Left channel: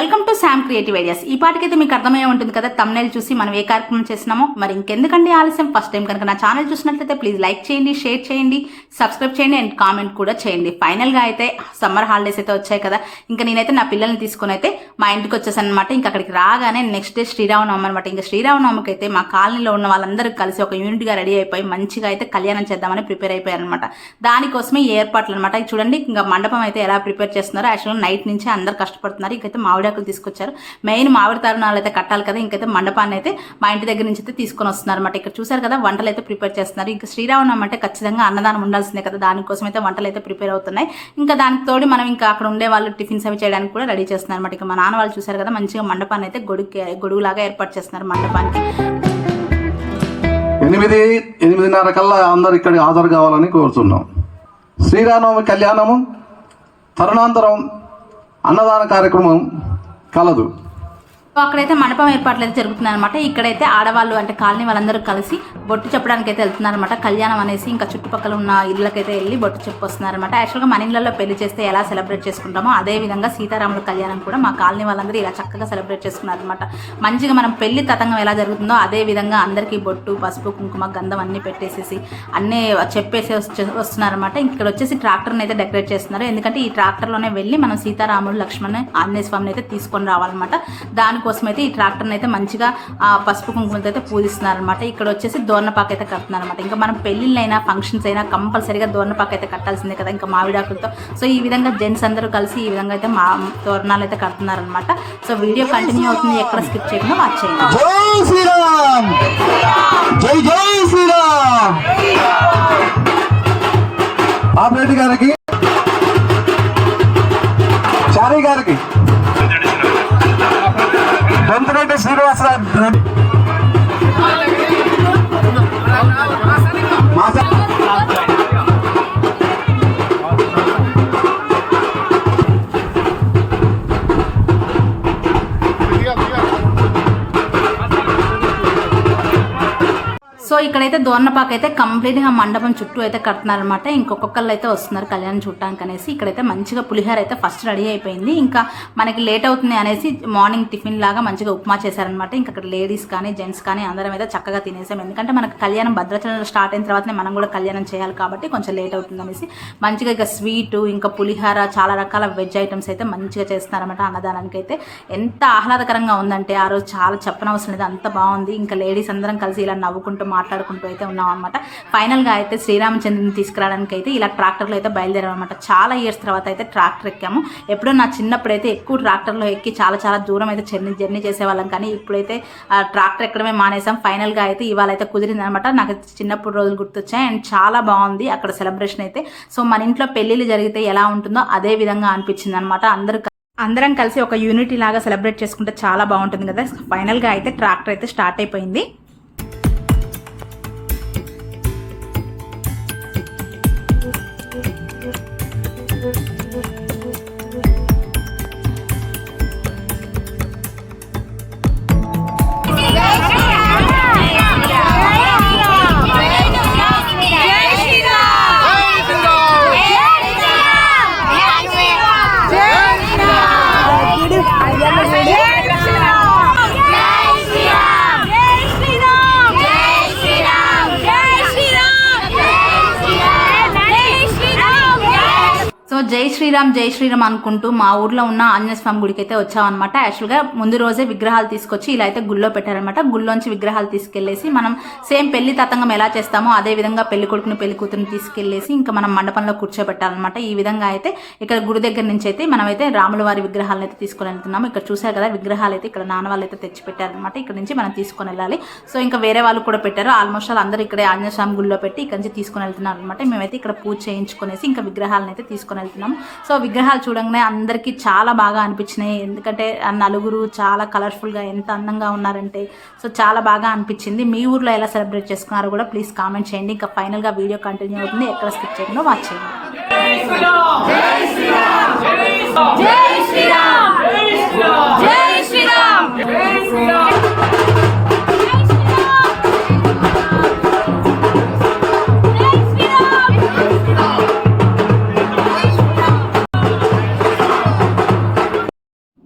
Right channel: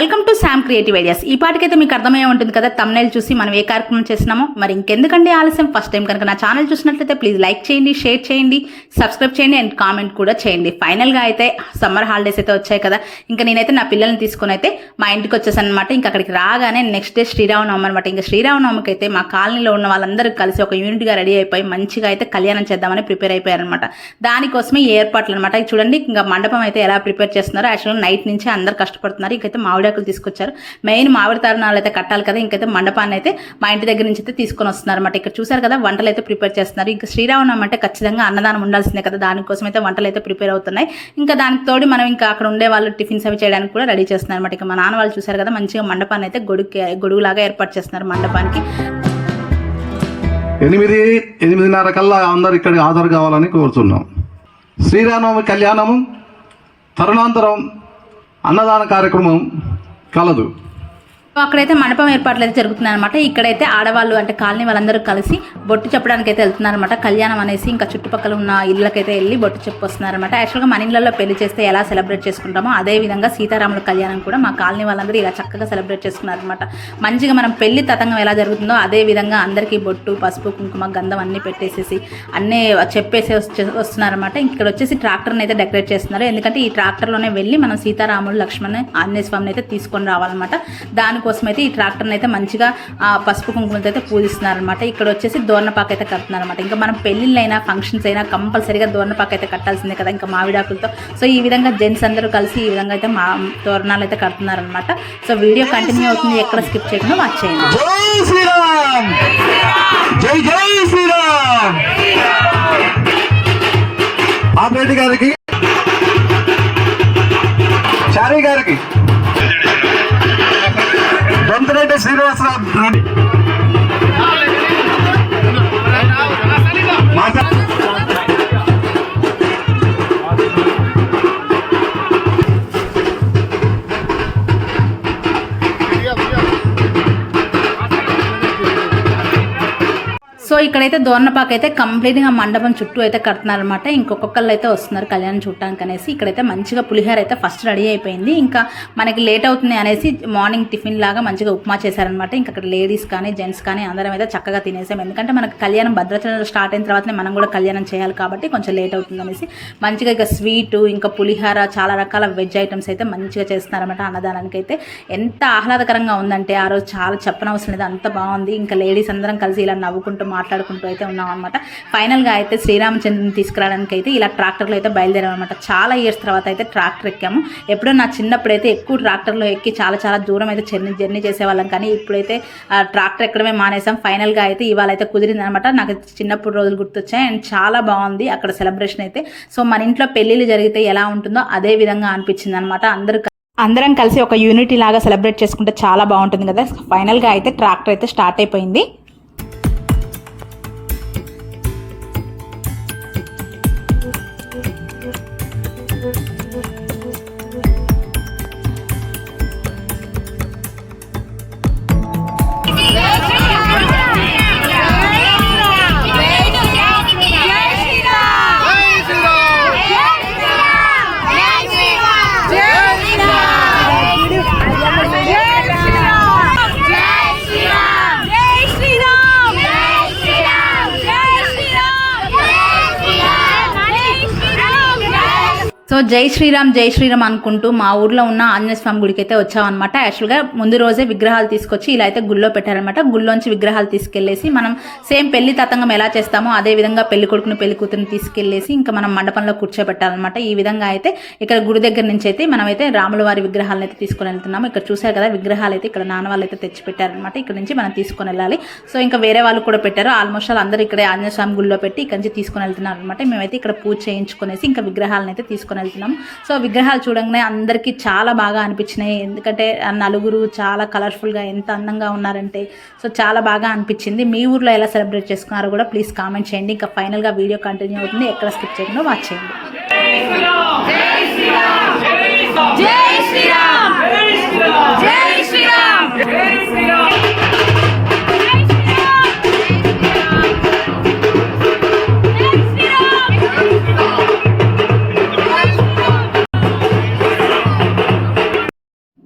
Welcome to Sam creative ideas. ఈ పాటికైతే మీకు అర్థమై ఉంటుంది కదా తమ్నేల్ చూసి మనం ఏ కార్యక్రమం చేస్తున్నామో. మరి ఇంకెందుకండి ఆలస్యం? ఫస్ట్ టైం కనుక నా ఛానల్ చూసినట్లయితే ప్లీజ్ లైక్ చేయండి షేర్ చేయండి సబ్స్క్రైబ్ చేయండి అండ్ కామెంట్ కూడా చేయండి. ఫైనల్గా అయితే సమ్మర్ హాలిడేస్ అయితే వచ్చాయి కదా ఇంకా నేనైతే నా పిల్లల్ని తీసుకొని అయితే మా ఇంటికి వచ్చేసాను అనమాట ఇంకా అక్కడికి రాగానే నెక్స్ట్ డే శ్రీరామనవమి అనమాట ఇంకా శ్రీరామనవమికి అయితే మా కాలనీలో ఉన్న వాళ్ళందరూ కలిసి ఒక యూనిట్గా రెడీ అయిపోయి మంచిగా అయితే కళ్యాణం చేద్దామని ప్రిపేర్ అయిపోయారనమాట దానికోసమే ఏర్పాట్లు అనమాట చూడండి ఇంకా మండపం అయితే ఎలా ప్రిపేర్ చేస్తున్నారో. యాక్చువల్గా నైట్ నుంచి అందరు కష్టపడుతున్నారు. ఇంకైతే మామిడాకులు తీసుకొచ్చారు. మెయిన్ మామిడి తరుణాలు అయితే కట్టాలి కదా ఇంకైతే మండపాన్ని అయితే మా ఇంటి దగ్గర నుంచి అయితే తీసుకొని వస్తున్నారు అనమాట ఇక్కడ చూసారు కదా వంటలు అయితే ప్రిపేర్ చేస్తున్నారు. ఇంకా శ్రీరామనం అంటే ఖచ్చితంగా అన్నదానం ఉండాల్సిందే కదా దానికోసం అయితే వంటలు అయితే ప్రిపేర్ అవుతున్నాయి. ఇంకా దానికి తోడు మనం ఇంకా అక్కడ ఉండే వాళ్ళు టిఫిన్స్ అవి చేయడానికి కూడా రెడీ చేస్తున్నారు అనమాట ఇక మా నాన్న వాళ్ళు చూసారు కదా మంచిగా మండపాన్ని అయితే గొడుగు గొడుగులాగా ఏర్పాటు చేస్తున్నారు మండపానికి. ఎనిమిది ఎనిమిదిన్నర కల్లా అందరు ఇక్కడ హాజరు కావాలని కోరుతున్నాం. శ్రీరామనవమి కళ్యాణము తరుణాంతరం అన్నదాన కార్యక్రమం కలదు సో అక్కడైతే మండపం ఏర్పాట్లు అయితే జరుగుతున్నాయి అనమాట ఇక్కడైతే ఆడవాళ్ళు అంటే కాలనీ వాళ్ళందరూ కలిసి బొట్టు చెప్పడానికి అయితే వెళ్తున్నారు అనమాట కళ్యాణం అనేసి ఇంకా చుట్టుపక్కల ఉన్న ఇళ్ళకైతే వెళ్ళి బొట్టు చెప్పొస్తున్నారు అనమాట యాక్చువల్గా మన ఇళ్ళల్లో పెళ్ళి చేస్తే ఎలా సెలబ్రేట్ చేసుకుంటామో అదే విధంగా సీతారాముల కళ్యాణం కూడా మా కాలనీ వాళ్ళందరూ ఇలా చక్కగా సెలబ్రేట్ చేసుకున్నారు అనమాట మంచిగా మనం పెళ్ళి తతంగం ఎలా జరుగుతుందో అదే విధంగా అందరికీ బొట్టు పసుపు కుంకుమ గంధం అన్ని పెట్టేసేసి అన్నీ చెప్పేసి వస్తున్నారనమాట ఇక్కడ వచ్చేసి ట్రాక్టర్ని అయితే డెకరేట్ చేస్తున్నారు. ఎందుకంటే ఈ ట్రాక్టర్లోనే వెళ్ళి మనం సీతారాముడు లక్ష్మణ్ ఆంజనేయ స్వామిని అయితే తీసుకొని రావాలన్నమాట. దానికోసం అయితే ఈ ట్రాక్టర్ని అయితే మంచిగా పసుపు కుంకుమతో అయితే పూజిస్తున్నారు అనమాట ఇక్కడ వచ్చేసి దోర్నపాక అయితే కడుతున్నారు అనమాట ఇంకా మనం పెళ్ళిళ్ళైనా ఫంక్షన్స్ అయినా కంపల్సరీగా దోర్నపాక అయితే కట్టాల్సిందే కదా ఇంకా మామిడాకులతో. సో ఈ విధంగా జెంట్స్ అందరూ కలిసి ఈ విధంగా అయితే మా తోరణాలు అయితే కడుతున్నారు అనమాట సో వీడియో కంటిన్యూ అవుతుంది. ఎక్కడ స్కిప్ చేయకుండా వాచ్ చేయండి. జై జై శ్రీరామ్! ఆపరేటి గారికి చారీ గారికి. శ్రీనివాసరావు ఇక్కడైతే దోర్నపాక అయితే కంప్లీట్గా మండపం చుట్టూ అయితే కడుతున్నారు అనమాట ఇంకొకళ్ళు అయితే వస్తున్నారు కళ్యాణం చూడటానికి అనేసి. ఇక్కడైతే మంచిగా పులిహోర అయితే ఫస్ట్ రెడీ అయిపోయింది. ఇంకా మనకి లేట్ అవుతుంది అనేసి మార్నింగ్ టిఫిన్ లాగా మంచిగా ఉప్మా చేశారనమాట ఇంకా అక్కడ లేడీస్ కానీ జెంట్స్ కానీ అందరం అయితే చక్కగా తినేసాం. ఎందుకంటే మనకి కళ్యాణం భద్రాచలంలో స్టార్ట్ అయిన తర్వాతనే మనం కూడా కళ్యాణం చేయాలి కాబట్టి కొంచెం లేట్ అవుతుంది అనేసి. మంచిగా ఇక స్వీట్ ఇంకా పులిహోర చాలా రకాల వెజ్ ఐటమ్స్ అయితే మంచిగా చేస్తున్నారన్నమాట అన్నదానానికి అయితే. ఎంత ఆహ్లాదకరంగా ఉందంటే ఆ రోజు చాలా చెప్పనవసరం లేదు. అంత బాగుంది. ఇంకా లేడీస్ అందరం కలిసి ఇలా నవ్వుకుంటూ మాట్లాడుకుంటూ మాట్లాడుకుంటూ అయితే ఉన్నాం అనమాట ఫైనల్గా అయితే శ్రీరామచంద్రుని తీసుకురావడానికి అయితే ఇలా ట్రాక్టర్లో అయితే బయలుదేరాం అనమాట చాలా ఇయర్స్ తర్వాత అయితే ట్రాక్టర్ ఎక్కాము. ఎప్పుడో నా చిన్నప్పుడు అయితే ఎక్కువ ట్రాక్టర్లో ఎక్కి చాలా చాలా దూరం అయితే జర్నీ జర్నీ చేసేవాళ్ళం. కానీ ఇప్పుడైతే ఆ ట్రాక్టర్ ఎక్కడమే మానేసాం ఫైనల్గా అయితే ఇవాళ అయితే కుదిరింది అనమాట నాకు చిన్నప్పుడు రోజులు గుర్తొచ్చాయి. అండ్ చాలా బాగుంది అక్కడ సెలబ్రేషన్ అయితే. సో మన ఇంట్లో పెళ్ళిళ్ళు జరిగితే ఎలా ఉంటుందో అదే విధంగా అనిపించింది అనమాట అందరూ అందరం కలిసి ఒక యూనిటీ లాగా సెలబ్రేట్ చేసుకుంటే చాలా బాగుంటుంది కదా. ఫైనల్గా అయితే ట్రాక్టర్ అయితే స్టార్ట్ అయిపోయింది. జై శ్రీరామ్ జై శ్రీరామ్ అనుకుంటూ మా ఊర్లో ఉన్న ఆంజనేయస్వామి గుడికి అయితే వచ్చామన్నమాట. యాక్చువల్గా ముందు రోజే విగ్రహాలు తీసుకొచ్చి ఇలా అయితే గుళ్ళో పెట్టారనమాట గుళ్ళోంచి విగ్రహాలు తీసుకెళ్ళేసి మనం సేమ్ పెళ్ళి తతంగం ఎలా చేస్తామో అదే విధంగా పెళ్ళి కొడుకుని పెళ్ళి కూతురుని తీసుకెళ్ళేసి ఇంకా మనం మండపంలో కూర్చోబెట్టాలన్నమాట. ఈ విధంగా అయితే ఇక్కడ గుడి దగ్గర నుంచి అయితే మనమైతే రాముల వారి విగ్రహాలను అయితే తీసుకొని వెళ్తున్నాము. ఇక్కడ చూసారు కదా విగ్రహాలు అయితే ఇక్కడ నాన్న వాళ్ళు అయితే తెచ్చి పెట్టారనమాట ఇక్కడ నుంచి మనం తీసుకొని వెళ్ళాలి. సో ఇంకా వేరే వాళ్ళు కూడా పెట్టారు. ఆల్మోస్ట్ వాళ్ళు అందరూ ఇక్కడే ఆంజనేయ స్వామి గుళ్ళో పెట్టి ఇక్కడ నుంచి తీసుకొని వెళ్తున్నారు అనమాట మేమైతే ఇక్కడ పూజ చేయించుకునేసి ఇంకా విగ్రహాలను అయితే తీసుకొని వెళ్తున్నాం సో విగ్రహాలు చూడంగానే అందరికీ చాలా బాగా అనిపించినాయి. ఎందుకంటే ఆ నలుగురు చాలా కలర్ఫుల్గా ఎంత అందంగా ఉన్నారంటే సో చాలా బాగా అనిపించింది. మీ ఊర్లో ఎలా సెలబ్రేట్ చేసుకున్నారో కూడా ప్లీజ్ కామెంట్ చేయండి. ఇంకా ఫైనల్గా వీడియో కంటిన్యూ అవుతుంది. ఎక్కడ స్కిప్ చేయకుండా వాచ్ చేయండి.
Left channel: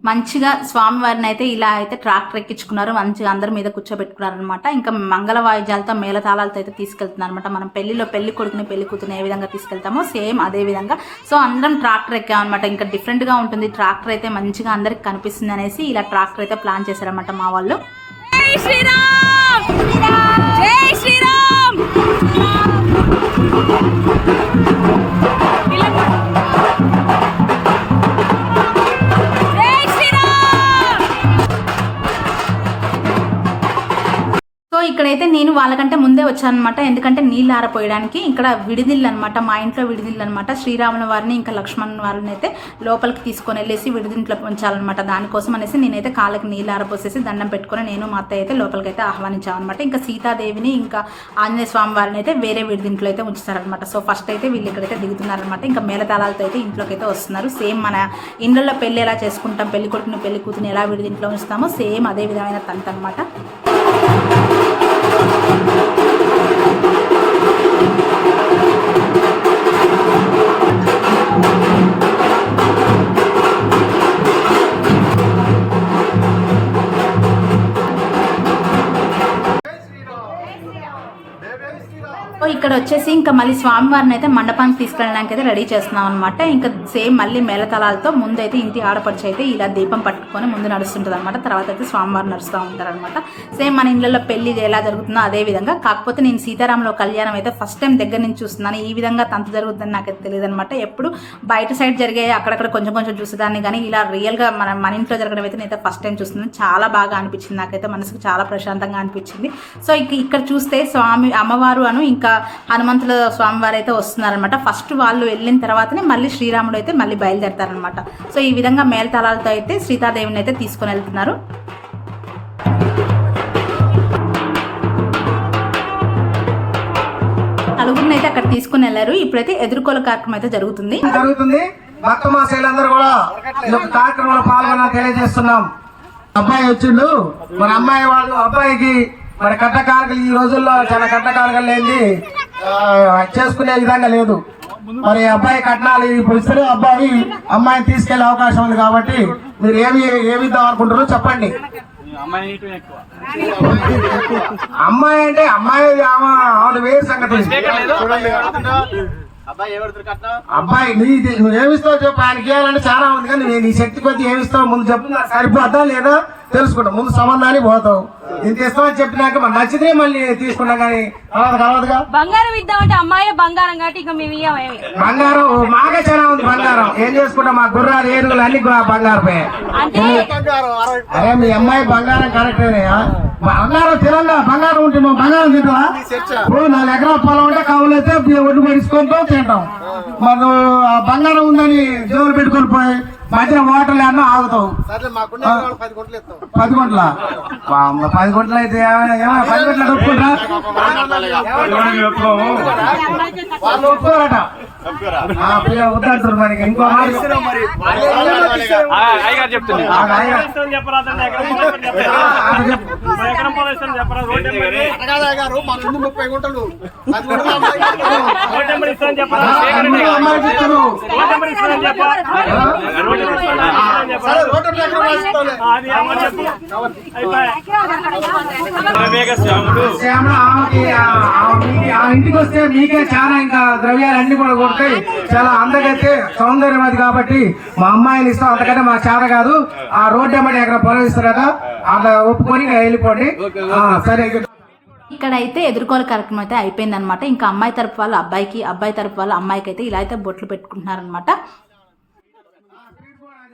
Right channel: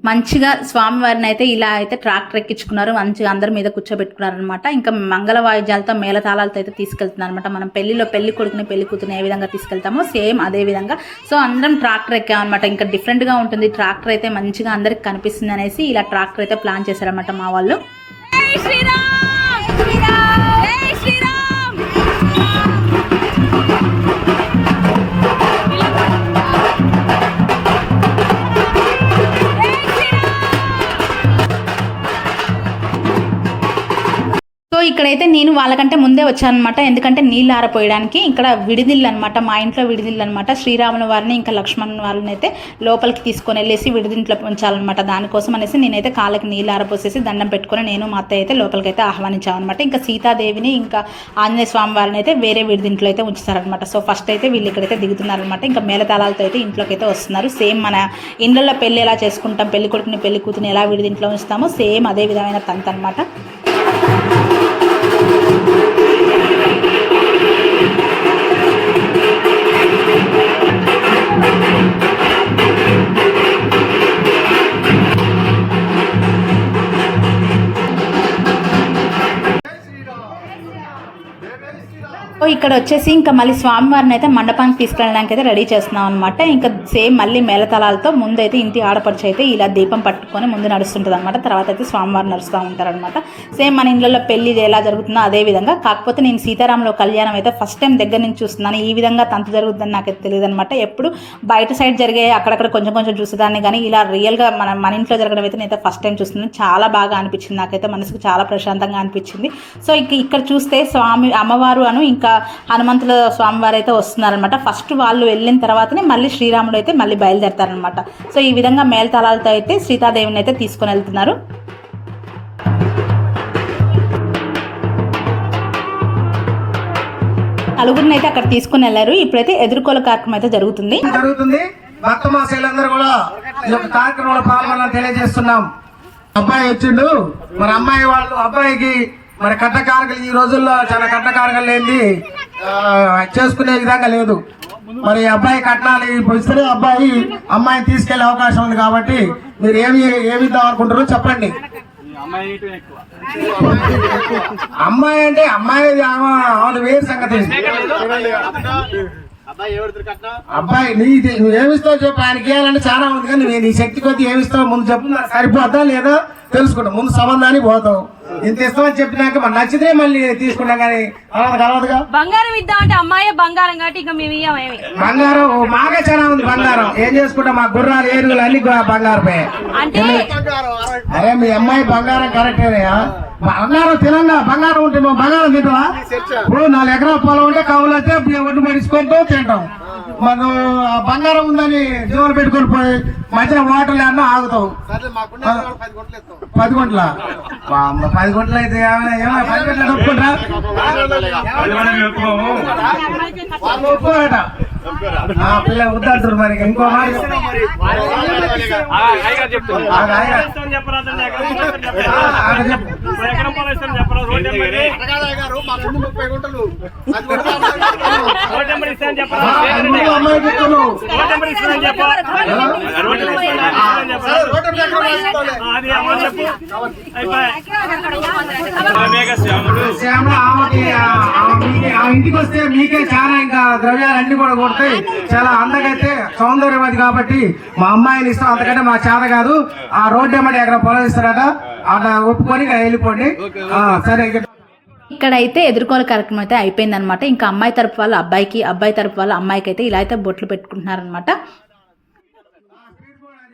మంచిగా స్వామివారిని అయితే ఇలా అయితే ట్రాక్టర్ ఎక్కించుకున్నారు. మంచిగా అందరి మీద కూర్చోబెట్టుకున్నారు అనమాట ఇంకా మంగళ వాయిద్యాలతో మేళతాళాలతో అయితే తీసుకెళ్తున్నారు అనమాట మనం పెళ్ళిలో పెళ్ళి కొడుకుని పెళ్ళి కూతుని ఏ విధంగా తీసుకెళ్తామో సేమ్ అదే విధంగా. సో అందరం ట్రాక్టర్ ఎక్కామన్నమాట. ఇంకా డిఫరెంట్గా ఉంటుంది. ట్రాక్టర్ అయితే మంచిగా అందరికి కనిపిస్తుంది అనేసి ఇలా ట్రాక్టర్ అయితే ప్లాన్ చేశారనమాట మా వాళ్ళు. శ్రీరామ్! ఇక్కడైతే నేను వాళ్ళకంటే ముందే వచ్చాను అనమాట ఎందుకంటే నీళ్ళు ఆరపోయడానికి ఇక్కడ విడిదిల్లు అనమాట మా ఇంట్లో విడిదిల్లు అనమాట శ్రీరాముల వారిని ఇంకా లక్ష్మణ్ వారిని అయితే లోపలికి తీసుకొని వెళ్ళేసి విడిదింట్లో ఉంచాలన్నమాట. దానికోసం అనేసి నేనైతే కాళ్ళకి నీళ్ళు ఆరపోసేసి దండం పెట్టుకొని నేను మా అత్తయ్య అయితే లోపలికి అయితే ఆహ్వానించాను అనమాట ఇంకా సీతాదేవిని ఇంకా ఆంజనేయ స్వామి వారిని అయితే వేరే విడిదింట్లో అయితే ఉంచుతారనమాట సో ఫస్ట్ అయితే వీళ్ళు ఇక్కడైతే దిగుతున్నారనమాట ఇంకా మేళతాళాలతో అయితే ఇంట్లోకి అయితే వస్తున్నారు. సేమ్ మన ఇండ్లలో పెళ్ళి ఎలా చేసుకుంటాం పెళ్ళి కొడుకుని పెళ్ళి కూతుని ఎలా విడిదింట్లో ఉంచుతామో సేమ్ అదే విధమైన తంతు అనమాట you. ఇక్కడ వచ్చేసి ఇంకా మళ్ళీ స్వామివారిని అయితే మండపానికి తీసుకెళ్ళడానికి అయితే రెడీ చేస్తున్నాం అనమాట ఇంకా సేమ్ మళ్ళీ మేళతలాలతో ముందు అయితే ఇంటి ఆడపడిచి అయితే ఇలా దీపం పట్టుకొని ముందు నడుస్తుంటుంది అనమాట తర్వాత అయితే స్వామివారు నడుస్తూ ఉంటారనమాట సేమ్ మన ఇళ్ళలో పెళ్ళి ఎలా జరుగుతుందో అదే విధంగా. కాకపోతే నేను సీతారాముల కళ్యాణం అయితే ఫస్ట్ టైం దగ్గర నుంచి చూస్తున్నాను. ఈ విధంగా తంతు జరుగుతుందని నాకైతే తెలియదు అనమాట ఎప్పుడు బయట సైడ్ జరిగే అక్కడక్కడ కొంచెం కొంచెం చూసేదాన్ని కానీ ఇలా రియల్గా మన మన ఇంట్లో జరగడం అయితే నేనైతే ఫస్ట్ టైం చూస్తున్నాను. చాలా బాగా అనిపించింది నాకైతే. మనసుకు చాలా ప్రశాంతంగా అనిపించింది. సో ఇక్కడ చూస్తే స్వామి అమ్మవారు అను ఇంకా హనుమంతుల స్వామివారు అయితే వస్తున్నారనమాట ఫస్ట్ వాళ్ళు వెళ్ళిన తర్వాతనే మళ్ళీ శ్రీరాముడు అయితే మళ్ళీ బయలుదేరతారనమాట సో ఈ విధంగా మేల్తాళాలతో అయితే సీతాదేవిని అయితే తీసుకొని వెళ్తున్నారు. నలుగురిని అయితే అక్కడ తీసుకుని వెళ్ళారు. ఇప్పుడైతే ఎదుర్కోల కార్యక్రమం అయితే జరుగుతుంది. జరుగుతుంది? భక్త మాసాలందరూ కూడా ఈ యొక్క కార్యక్రమంలో పాల్గొనాలని తెలియజేస్తున్నాం. అబ్బాయి వచ్చిండు. మరి అమ్మాయి వాళ్ళు అబ్బాయికి మరి కట్టకారకలు ఈ రోజుల్లో చాలా కట్టకారకలు లేని చేసుకునే విధంగా లేదు. మరి అబ్బాయి కట్నాలు ఇస్తే అబ్బాయి అమ్మాయిని తీసుకెళ్ళే అవకాశం ఉంది కాబట్టి మీరు ఏమి ఏమి అనుకుంటారో చెప్పండి. అమ్మాయి అంటే అమ్మాయి ఆమె వేరు సంగతి. అబ్బాయి నీ నువ్వు ఏమిస్తావు చెప్పు. ఆయనకి ఇవ్వాలంటే చాలా ఉంది కానీ నీ శక్తి కొద్ది ఏమిస్తావు ముందు చెప్పు. సరిపోద్దా లేదా? తెలుసుకుంటా. ముందు సంబంధానికి పోతావు ఇంత ఇస్తామని చెప్పినాక మరి నచ్చితే మళ్ళీ తీసుకున్నాం కానీ కలవదు కలవదుగా? బంగారం ఇద్దామంటే అమ్మాయి బంగారం కాబట్టి ఇంకా మేము ఇయ్యమేమి బంగారం మాకే చాలా ఉంది బంగారం. ఏం చేసుకుంటాం? మా గుర్రాలు ఏరుగులు అన్ని బంగారమే. అరే మీ అమ్మాయి బంగారం కరెక్టేనయ్యా బంగారం తినంగా బంగారం ఉంటే మా బంగారం తింటావా ఇప్పుడు నాలుగు ఎకరాల పొలం ఉంటే కవులు అయితే ఒడ్డు పెట్టుకుంటాం తింటాం. ఆ బంగారం ఉందని జోలు పెట్టుకొని పోయి మధ్య హోటల్ అన్నా ఆగుతావు. పది గుంటల పది గుంటలు? అయితే పది గుంటలు ఒప్పుకుంటా వాళ్ళు ఒప్పుకోరట. ఆ పిల్ల వద్దంటారు మరి ఇంకో. శ్యామ ఆమెకి ఆ ఇంటికి వస్తే మీకే చాలా ఇంకా ద్రవ్యాలు అన్ని కూడా అమ్మాయి చాలా అందగైతే అది కాబట్టి మా అమ్మాయిని ఇస్తాం అంతకంటే మా చేత కాదు. ఆ రోడ్డు అమ్మడి ఎక్కడ పొలం ఇస్తారట ఒప్పుకొని వెళ్ళిపోండి. సరే ఇక్కడైతే ఎదుర్కోల కార్యక్రమం అయితే అయిపోయింది అనమాట ఇంకా అమ్మాయి తరపు వాళ్ళు అబ్బాయికి అబ్బాయి తరపు వాళ్ళు అమ్మాయికి అయితే ఇలా అయితే బొట్లు పెట్టుకుంటున్నారనమాట స్పీడ్ పెడతాలే ఆడబిడ్డ మీ- మీ తరపు నుంచి వాళ్ళ పెట్టండి ఆడబిడ్డ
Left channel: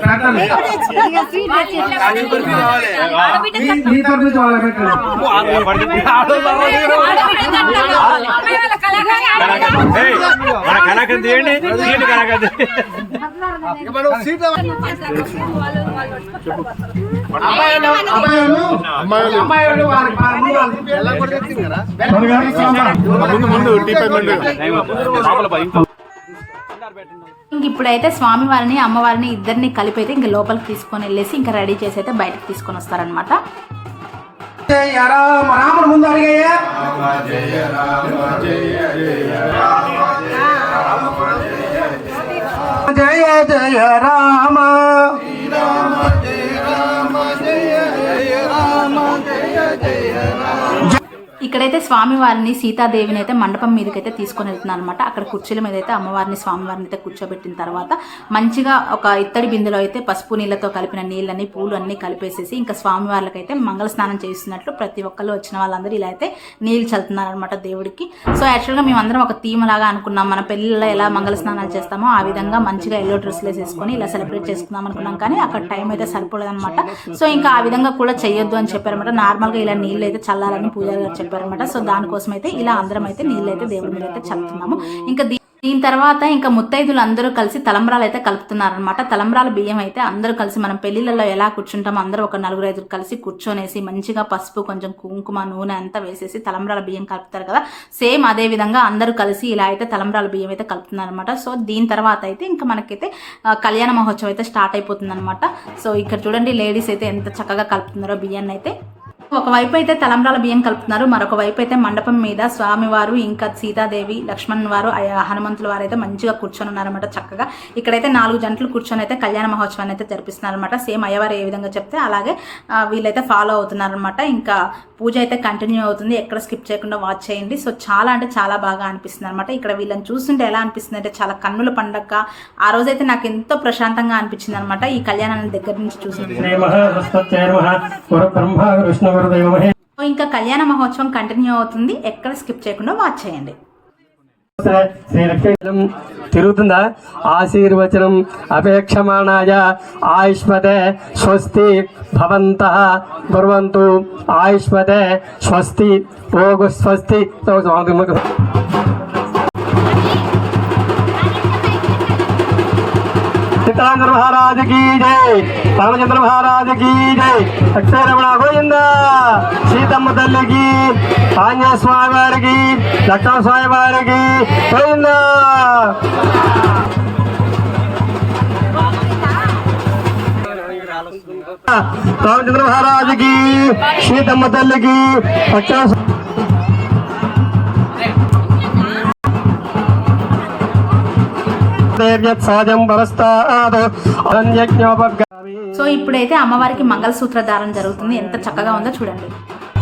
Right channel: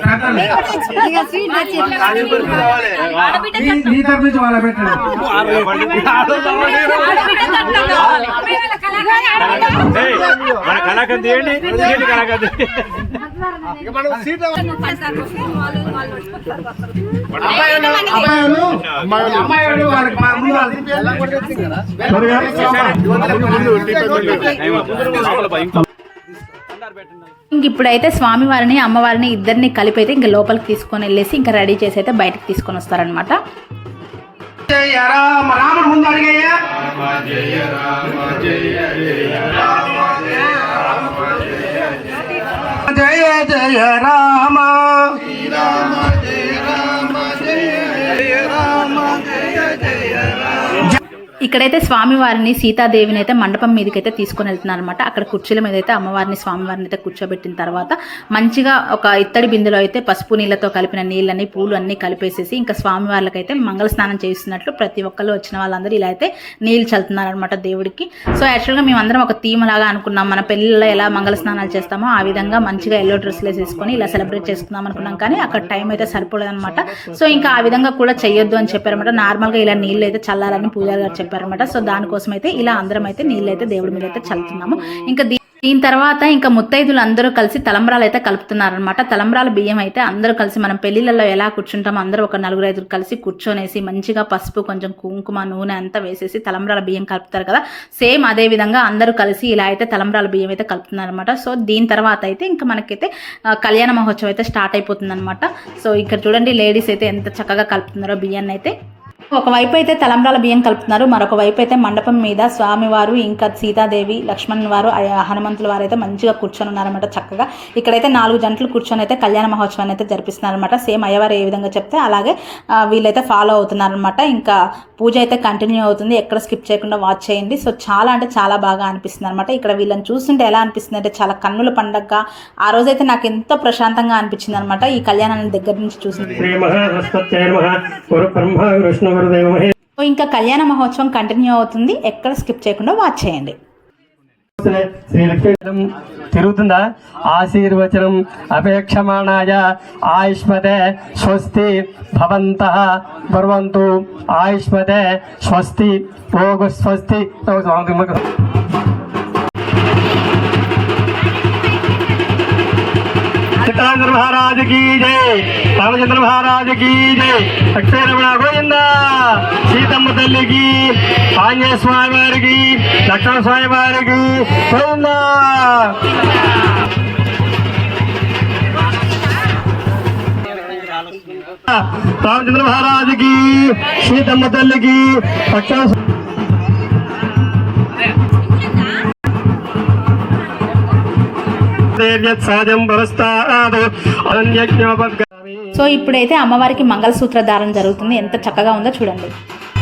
కట్నం కావాలి. అమ్మాయి వాళ్ళ కళాకారి ఆడబిడ్డ. మన కళాకంది ఏంటి కళాకంది అబ్బాయిలు ఇంక ఇప్పుడైతే స్వామివారిని అమ్మవారిని ఇద్దరిని కలిపి అయితే ఇంకా లోపలికి తీసుకొని వెళ్ళేసి ఇంకా రెడీ చేసి అయితే బయటకు తీసుకొని వస్తారనమాట జయ జయ రామ జయ రామ. జయ రామ జయ జయ రామ. ఇక్కడైతే స్వామివారిని సీతాదేవిని అయితే మండపం మీదకి అయితే తీసుకొని వెళ్తున్నారు అనమాట అక్కడ కుర్చీల మీద అయితే అమ్మవారిని స్వామివారిని అయితే కూర్చోబెట్టిన తర్వాత మంచిగా ఒక ఇత్తడి బిందులో అయితే పసుపు నీళ్ళతో కలిపిన నీళ్ళని పూలు అన్ని కలిపేసేసి ఇంకా స్వామివార్లకి అయితే మంగళ స్నానం చేస్తున్నట్లు ప్రతి ఒక్కళ్ళు వచ్చిన వాళ్ళందరూ ఇలా అయితే నీళ్ళు చల్లుతున్నారు అనమాట దేవుడికి. సో యాక్చువల్గా మేమందరం ఒక థీమ్ లాగా అనుకున్నాం. మన పెళ్ళిళ్ళలో ఎలా మంగళ స్నానాలు చేస్తామో ఆ విధంగా మంచిగా ఎల్లో డ్రెస్లు వేసేసుకొని ఇలా సెలబ్రేట్ చేసుకుందాం అనుకున్నాం. కానీ అక్కడ టైం అయితే సరిపోలేదన్నమాట. సో ఇంకా ఆ విధంగా కూడా చేయొద్దు అని చెప్పారనమాట నార్మల్గా ఇలా నీళ్ళు అయితే చల్లాలని పూజారి గారు అయిపోయారనమాట సో దానికోసం అయితే ఇలా అందరం అయితే నీళ్ళు అయితే దేవుడి మీద అయితే చల్లుతున్నాము. ఇంకా దీని తర్వాత ఇంకా ముత్తైదులు అందరూ కలిసి తలంబ్రాలు అయితే కలుపుతున్నారనమాట తలంబ్రాల బియ్యం అయితే అందరూ కలిసి మనం పెళ్ళిళ్ళలో ఎలా కూర్చుంటామో అందరూ ఒక నలుగురు ఐదుగురు కలిసి కూర్చొనేసి మంచిగా పసుపు కొంచెం కుంకుమ నూనె అంతా వేసేసి తలంబ్రాల బియ్యం కలుపుతారు కదా. సేమ్ అదే విధంగా అందరూ కలిసి ఇలా అయితే తలంబ్రాల బియ్యం అయితే కలుపుతున్నారనమాట సో దీని తర్వాత అయితే ఇంకా మనకైతే కళ్యాణ మహోత్సవం అయితే స్టార్ట్ అయిపోతుంది అనమాట సో ఇక్కడ చూడండి లేడీస్ అయితే ఎంత చక్కగా కలుపుతున్నారో బియ్యాన్ని అయితే ఒకవైపు అయితే తలంబ్రాల బియ్యం కలుపుతున్నారు మరొక వైపు అయితే మండపం మీద స్వామివారు ఇంకా సీతాదేవి లక్ష్మణ్ వారు హనుమంతుల వారు అయితే మంచిగా కూర్చొని ఉన్నారన్నమాట చక్కగా. ఇక్కడైతే నాలుగు జంటలు కూర్చొని అయితే కళ్యాణ మహోత్సవాన్ని అయితే జరిపిస్తున్నారనమాట సేమ్ అయ్యవారు ఏ విధంగా చెప్తే అలాగే వీళ్ళైతే ఫాలో అవుతున్నారనమాట ఇంకా పూజ అయితే కంటిన్యూ అవుతుంది ఎక్కడ స్కిప్ చేయకుండా వాచ్ చేయండి. సో చాలా అంటే చాలా బాగా అనిపిస్తుంది అనమాట ఇక్కడ వీళ్ళని చూస్తుంటే ఎలా అనిపిస్తుంది అంటే చాలా కన్నుల పండగ. ఆ రోజైతే నాకు ఎంతో ప్రశాంతంగా అనిపించింది అనమాట ఈ కళ్యాణాన్ని దగ్గర నుంచి చూసి ఇంకా కళ్యాణ మహోత్సవం కంటిన్యూ అవుతుంది. ఎక్కడ స్కిప్ చేయకుండా వాచ్ చేయండి. తిరుగుతుందా? ఆశీర్వచనం అపేక్షమాణాయ ఆయుష్మతే స్వస్తి భవంత కుర్వంతు ఆయుష్మతే స్వస్తి ఓగు స్వస్తి. చిత్రాంధ్ర మహారాజు కీ జై. రామచంద్ర మహారాజు కీ జై. అక్షయ రమణ గోవింద తల్లికి ఆంజనేయ స్వామి వారికి లక్ష్మణ స్వామి వారికి రామచంద్ర మహారాజుకి సీతమ్మ తల్లికి లక్ష్మణ సో ఇప్పుడైతే అమ్మవారికి మంగళసూత్ర దారం జరుగుతుంది. ఎంత చక్కగా ఉందో చూడండి.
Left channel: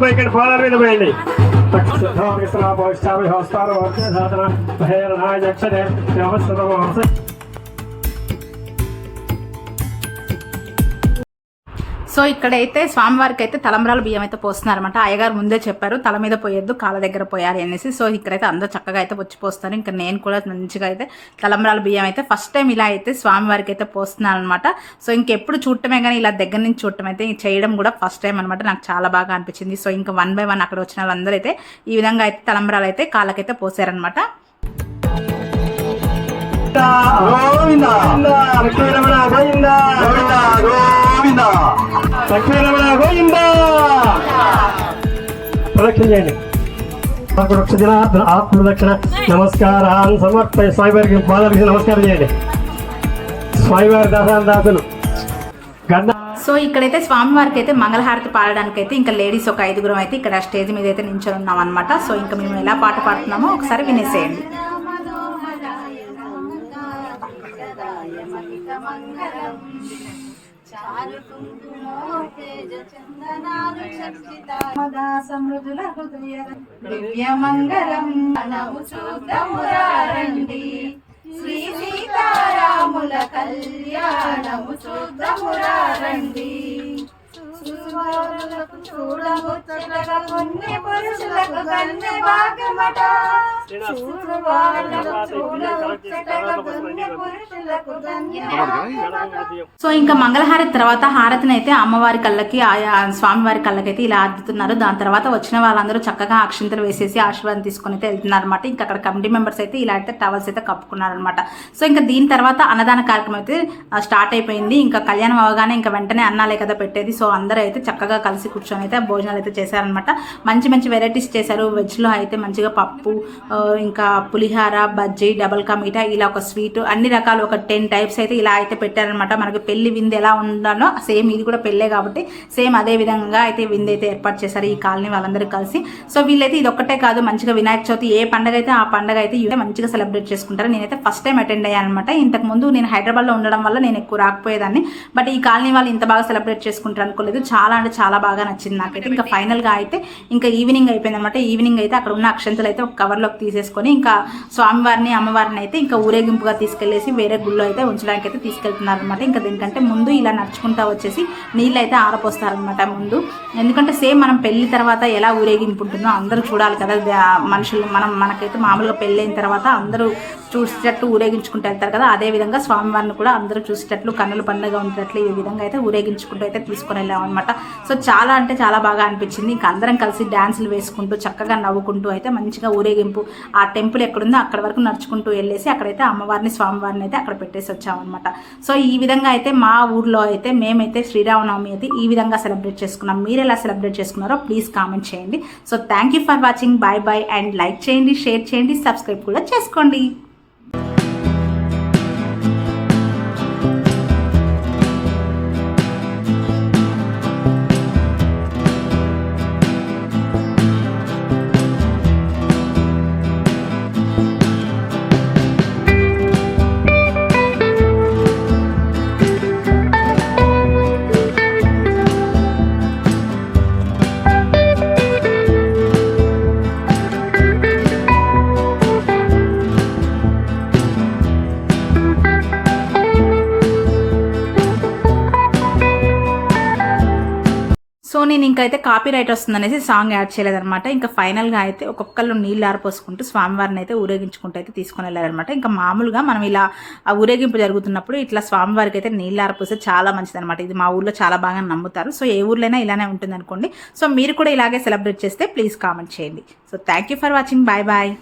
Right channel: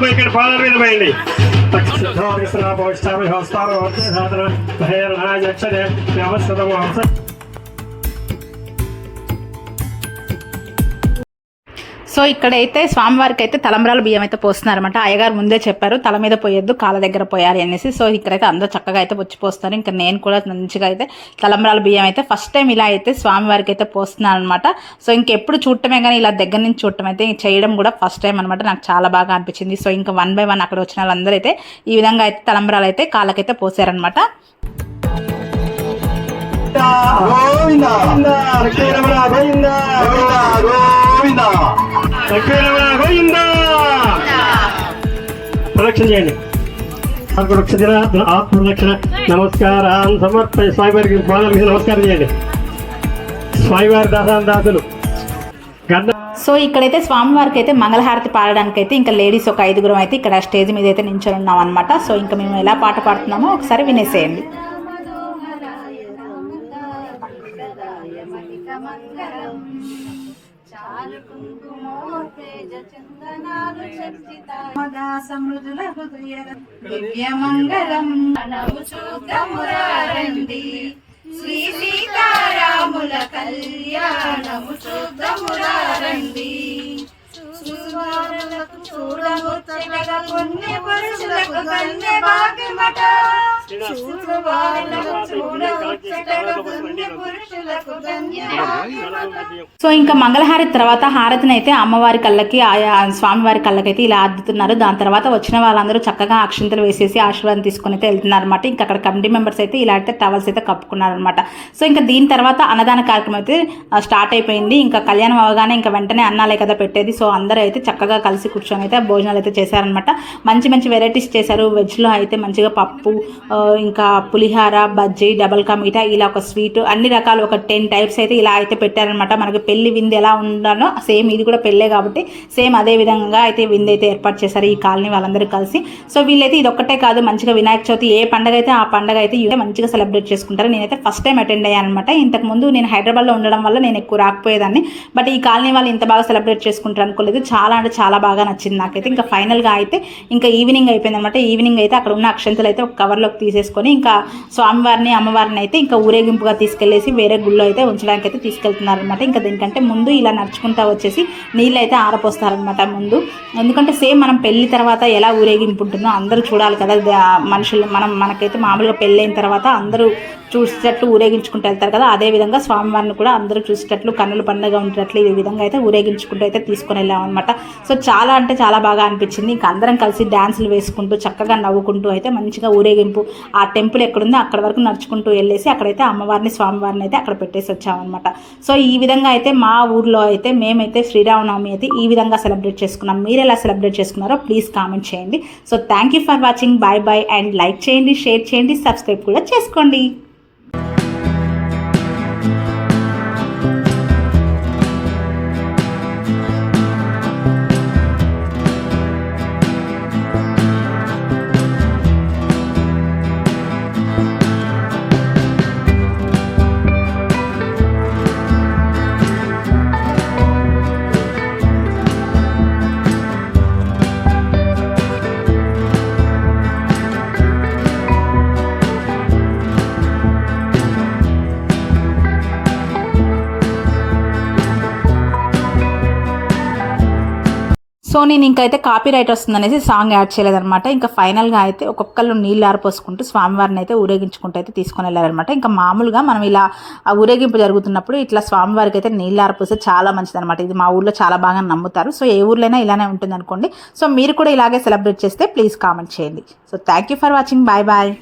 the by can follow with Bailey. Takshatra Visra Bhavishtavi Hostar Vartya Dhatra Bhair Naj Akshadem Namaskatam Hamsa so ఇక్కడైతే స్వామివారికి అయితే తలంబ్రాల బియ్యం అయితే పోస్తున్నారనమాట అయ్యగారు ముందే చెప్పారు తల మీద పోయొద్దు కాళ్ళ దగ్గర పోయాలి అనేసి. సో ఇక్కడైతే అందరూ చక్కగా అయితే వచ్చి పోస్తారు ఇంకా నేను కూడా మంచిగా అయితే తలంబ్రాల బియ్యం అయితే ఫస్ట్ టైం ఇలా అయితే స్వామివారికి అయితే పోస్తున్నాను అనమాట సో ఇంకెప్పుడు చూడటమే కానీ ఇలా దగ్గర నుంచి చూడటం అయితే చేయడం కూడా ఫస్ట్ టైం అనమాట నాకు చాలా బాగా అనిపించింది. సో ఇంకా వన్ బై వన్ అక్కడ వచ్చిన వాళ్ళందరూ అయితే ఈ విధంగా అయితే తలంబ్రాలు అయితే కాళ్ళకైతే పోసారనమాట గోవిందా గోవిందా గోవిందా గోవిందా. ప్రదక్షిణ చేయండి. ప్రదక్షిణ ఆత్మదక్షిణ నమస్కారాన్ని సమర్ప స్వామివారికి పాదాల నమస్కారం చేయండి. స్వామివారి దాసాల దాసులు. గంధ సో ఇక్కడైతే స్వామివారికి అయితే మంగళహారతి పాడడానికి అయితే ఇంకా లేడీస్ ఒక ఐదుగురం అయితే ఇక్కడ స్టేజ్ మీద అయితే నించొని ఉన్నాం అనమాట సో ఇంకా మేము ఎలా పాట పాడుతున్నామో ఒకసారి వినేసేయండి. దివ్యమంగళం మనము చూద్దామురారండి శ్రీ సీతారాముల కళ్యాణము చూడముచ్చటగా కొన్ని పురుషులకు భాగ్యమట సో ఇంకా మంగళహారతి తర్వాత హారతిని అయితే అమ్మవారి కళ్ళకి ఆయా స్వామివారి కళ్ళకి అయితే ఇలా అద్దుతున్నారు. దాని తర్వాత వచ్చిన వాళ్ళందరూ చక్కగా అక్షింతలు వేసేసి ఆశీర్వాదం తీసుకొని అయితే వెళ్తున్నారు అనమాట ఇంకా అక్కడ కమిటీ మెంబర్స్ అయితే ఇలా అయితే టవల్స్ అయితే కప్పుకున్నారనమాట సో ఇంకా దీని తర్వాత అన్నదాన కార్యక్రమం అయితే స్టార్ట్ అయిపోయింది. ఇంకా కళ్యాణం అవగానే ఇంకా వెంటనే అన్నాలే కదా పెట్టేది. సో అందరూ అందరూ అయితే చక్కగా కలిసి కూర్చొని అయితే భోజనాలు అయితే చేశారనమాట మంచి మంచి వెరైటీస్ చేశారు. వెజ్లో అయితే మంచిగా పప్పు ఇంకా పులిహార బజ్జీ డబల్ కా మీఠా ఇలా ఒక స్వీట్ అన్ని రకాలు ఒక టెన్ టైప్స్ అయితే ఇలా అయితే పెట్టారనమాట మనకి పెళ్ళి విందు ఎలా ఉండాలో సేమ్ ఇది కూడా పెళ్ళే కాబట్టి సేమ్ అదే విధంగా అయితే విందు అయితే ఏర్పాటు చేశారు ఈ కాలనీ వాళ్ళందరూ కలిసి. సో వీళ్ళైతే ఇది ఒక్కటే కాదు మంచిగా వినాయక చవితి ఏ పండగ అయితే ఆ పండగ అయితే మంచిగా సెలబ్రేట్ చేసుకుంటారు నేనైతే ఫస్ట్ టైం అటెండ్ అయ్యాను అనమాట ఇంతకు ముందు నేను హైదరాబాద్లో ఉండడం వల్ల నేను ఎక్కువ రాకపోయేదాన్ని. బట్ ఈ కాలనీ వాళ్ళు ఇంత బాగా సెలబ్రేట్ చేసుకుంటారు అనుకోలేదు చాలా అంటే చాలా బాగా నచ్చింది నాకైతే. ఇంకా ఫైనల్గా అయితే ఇంకా ఈవినింగ్ అయిపోయింది అనమాట ఈవినింగ్ అయితే అక్కడ ఉన్న అక్షంతలు అయితే ఒక కవర్లోకి తీసేసుకొని ఇంకా స్వామివారిని అమ్మవారిని అయితే ఇంకా ఊరేగింపుగా తీసుకెళ్ళేసి వేరే గుళ్ళో అయితే ఉంచడానికి అయితే తీసుకెళ్తున్నారు అనమాట ఇంకా దీనికంటే ముందు ఇలా నడుచుకుంటా వచ్చేసి నీళ్ళు అయితే ఆరపోస్తారనమాట ముందు. ఎందుకంటే సేమ్ మనం పెళ్ళి తర్వాత ఎలా ఊరేగింపు ఉంటుందో అందరూ చూడాలి కదా. మనుషులు మనం మనకైతే మామూలుగా పెళ్ళైన తర్వాత అందరూ చూసేటట్లు ఊరేగించుకుంటూ వెళ్తారు కదా అదే విధంగా స్వామివారిని కూడా అందరూ చూసేటట్లు కన్నుల పండుగ ఉండేటట్లు ఈ విధంగా అయితే ఊరేగించుకుంటూ అయితే తీసుకొని వెళ్ళాం అనమాట సో చాలా అంటే చాలా బాగా అనిపించింది. ఇంకా అందరం కలిసి డ్యాన్సులు వేసుకుంటూ చక్కగా నవ్వుకుంటూ అయితే మంచిగా ఊరేగింపు ఆ టెంపుల్ ఎక్కడుందో అక్కడ వరకు నడుచుకుంటూ వెళ్ళేసి అక్కడైతే అమ్మవారిని స్వామివారిని అయితే అక్కడ పెట్టేసి వచ్చామన్నమాట సో ఈ విధంగా అయితే మా ఊర్లో అయితే మేమైతే శ్రీరామనవమి అయితే ఈ విధంగా సెలబ్రేట్ చేసుకున్నాం. మీరు ఎలా సెలబ్రేట్ చేసుకున్నారో ప్లీజ్ కామెంట్ చేయండి. So thank you for watching. Bye bye and like చేయండి షేర్ చేయండి సబ్స్క్రైబ్ కూడా చేసుకోండి. సో నేను ఇంకైతే కాపీ రైట్ వస్తుందనేసి సాంగ్ యాడ్ చేయలేదనమాట ఇంకా ఫైనల్గా అయితే ఒక్కొక్కళ్ళు నీళ్ళు ఆరిపోసుకుంటూ స్వామివారిని అయితే ఊరేగించుకుంటూ అయితే తీసుకొని వెళ్ళారనమాట ఇంకా మామూలుగా మనం ఇలా ఆ ఊరేగింపు జరుగుతున్నప్పుడు ఇట్లా స్వామివారికి అయితే నీళ్ళు ఆరిపోస్తే చాలా మంచిదనమాట ఇది మా ఊర్లో చాలా బాగా నమ్ముతారు. సో ఏ ఊర్లైనా ఇలానే ఉంటుంది అనుకోండి సో మీరు కూడా ఇలాగే సెలబ్రేట్ చేస్తే ప్లీజ్ కామెంట్ చేయండి. So thank you for watching bye bye